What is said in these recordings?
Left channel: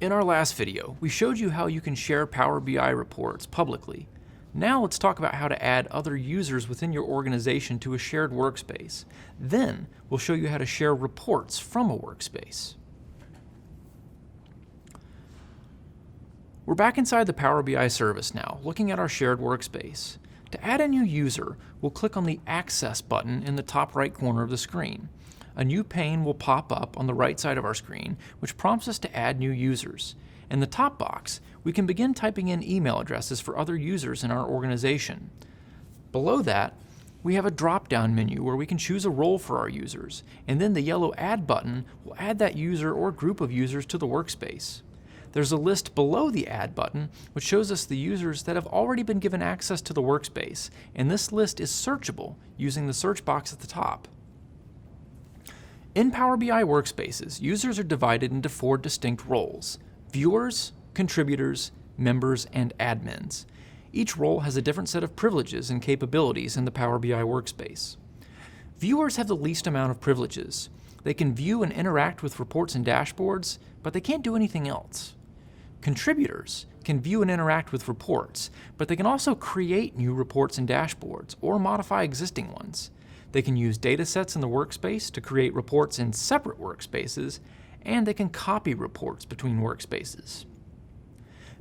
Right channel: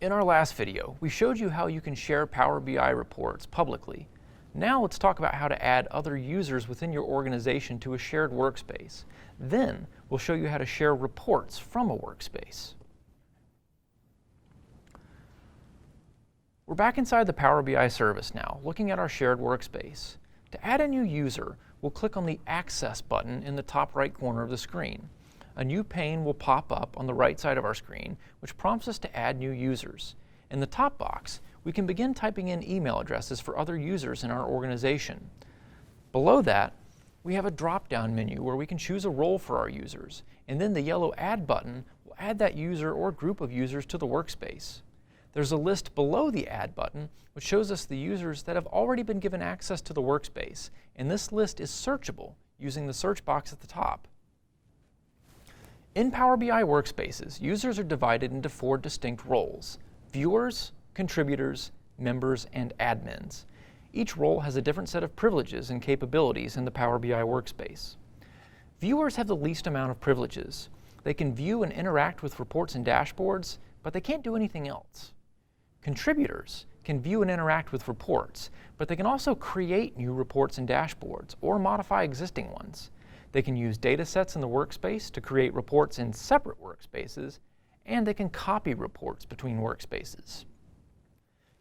In our last video, we showed you how you can share Power BI reports publicly. Now let's talk about how to add other users within your organization to a shared workspace. Then we'll show you how to share reports from a workspace. We're back inside the Power BI service now, looking at our shared workspace. To add a new user, we'll click on the Access button in the top right corner of the screen. A new pane will pop up on the right side of our screen, which prompts us to add new users. In the top box, we can begin typing in email addresses for other users in our organization. Below that, we have a drop-down menu where we can choose a role for our users, and then the yellow Add button will add that user or group of users to the workspace. There's a list below the Add button which shows us the users that have already been given access to the workspace, and this list is searchable using the search box at the top. In Power BI workspaces, users are divided into 4 distinct roles: viewers, contributors, members, and admins. Each role has a different set of privileges and capabilities in the Power BI workspace. Viewers have the least amount of privileges. They can view and interact with reports and dashboards, but they can't do anything else. Contributors can view and interact with reports, but they can also create new reports and dashboards or modify existing ones. They can use data sets in the workspace to create reports in separate workspaces, and they can copy reports between workspaces.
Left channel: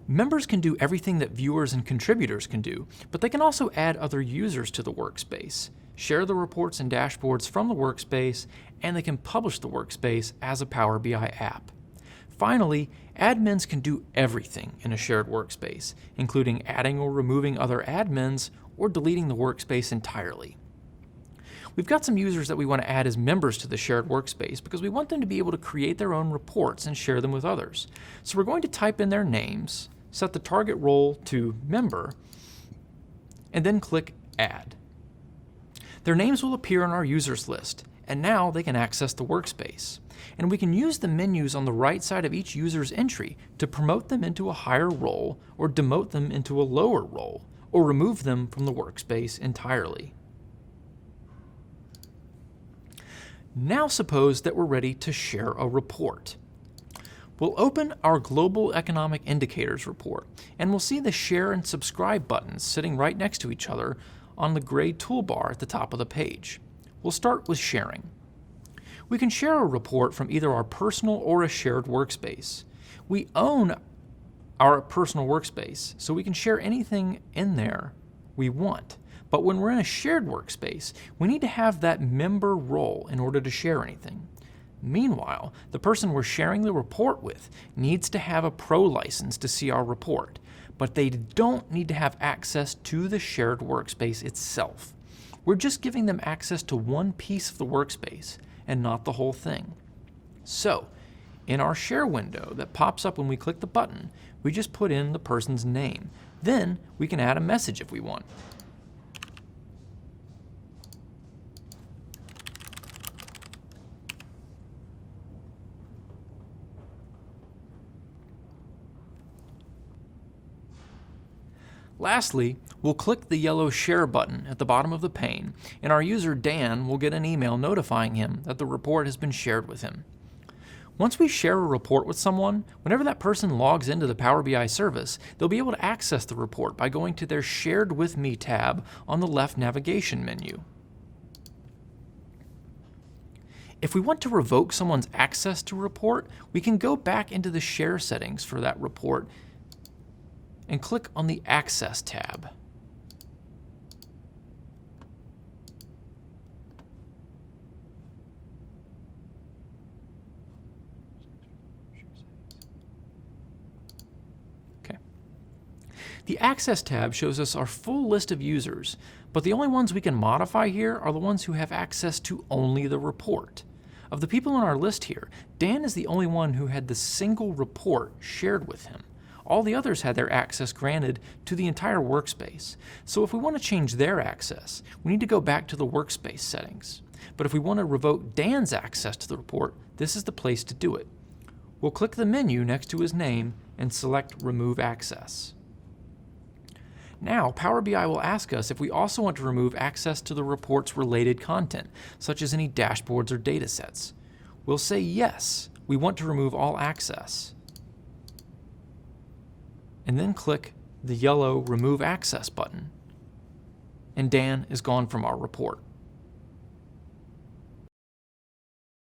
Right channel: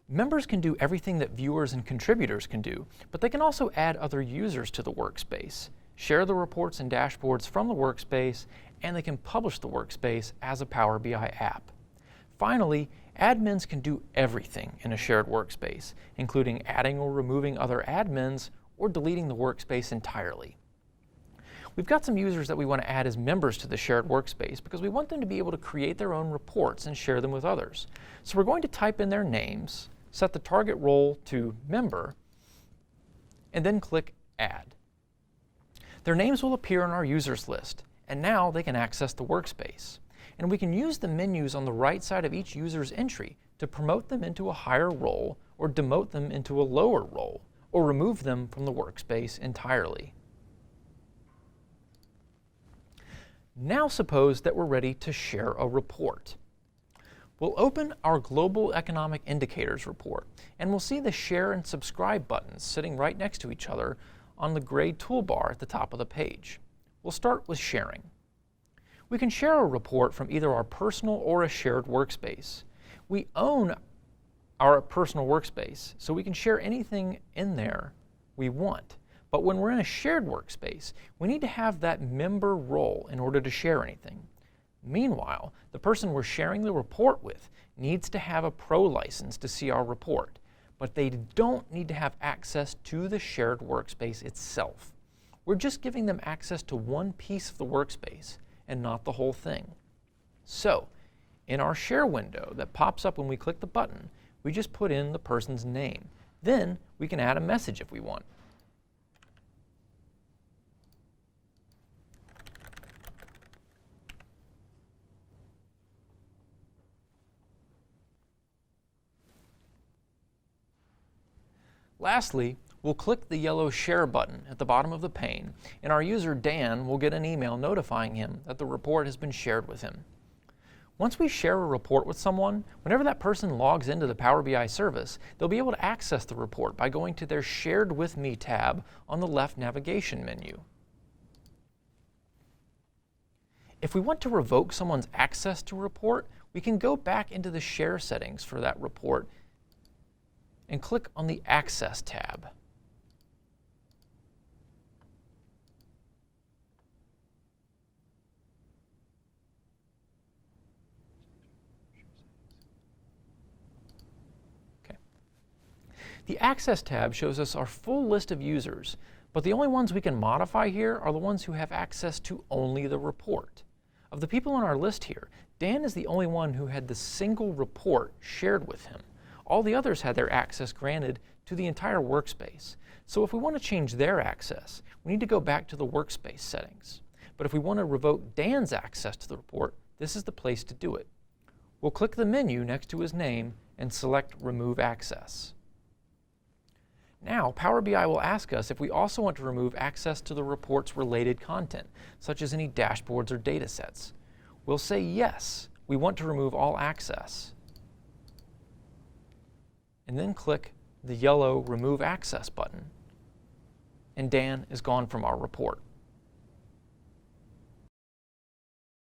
Members can do everything that viewers and contributors can do, but they can also add other users to the workspace, share the reports and dashboards from the workspace, and they can publish the workspace as a Power BI app. Finally, admins can do everything in a shared workspace, including adding or removing other admins or deleting the workspace entirely. We've got some users that we want to add as members to the shared workspace because we want them to be able to create their own reports and share them with others. So we're going to type in their names, set the target role to member, and then click Add. Their names will appear on our users list, and now they can access the workspace. And we can use the menus on the right side of each user's entry to promote them into a higher role or demote them into a lower role, or remove them from the workspace entirely. Now suppose that we're ready to share a report. We'll open our Global Economic Indicators report, and we'll see the Share and Subscribe buttons sitting right next to each other on the gray toolbar at the top of the page. We'll start with sharing. We can share a report from either our personal or a shared workspace. We own our personal workspace, so we can share anything in there we want. But when we're in a shared workspace, we need to have that member role in order to share anything. Meanwhile, the person we're sharing the report with needs to have a pro license to see our report, but they don't need to have access to the shared workspace itself. We're just giving them access to one piece of the workspace and not the whole thing. So, in our share window that pops up when we click the button, we just put in the person's name. Then we can add a message if we want. Lastly, we'll click the yellow Share button at the bottom of the pane, and our user Dan will get an email notifying him that the report has been shared with him. Once we share a report with someone, whenever that person logs into the Power BI service, they'll be able to access the report by going to their Shared With Me tab on the left navigation menu. If we want to revoke someone's access to a report, we can go back into the Share settings for that report and click on the Access tab. Okay. The Access tab shows us our full list of users, but the only ones we can modify here are the ones who have access to only the report. Of the people on our list here, Dan is the only one who had the single report shared with him. All the others had their access granted to the entire workspace. So if we want to change their access, we need to go back to the workspace settings. But if we want to revoke Dan's access to the report, this is the place to do it. We'll click the menu next to his name and select Remove Access. Now, Power BI will ask us if we also want to remove access to the report's related content, such as any dashboards or data sets. We'll say yes, we want to remove all access. and then click the yellow Remove Access button. And Dan is gone from our report.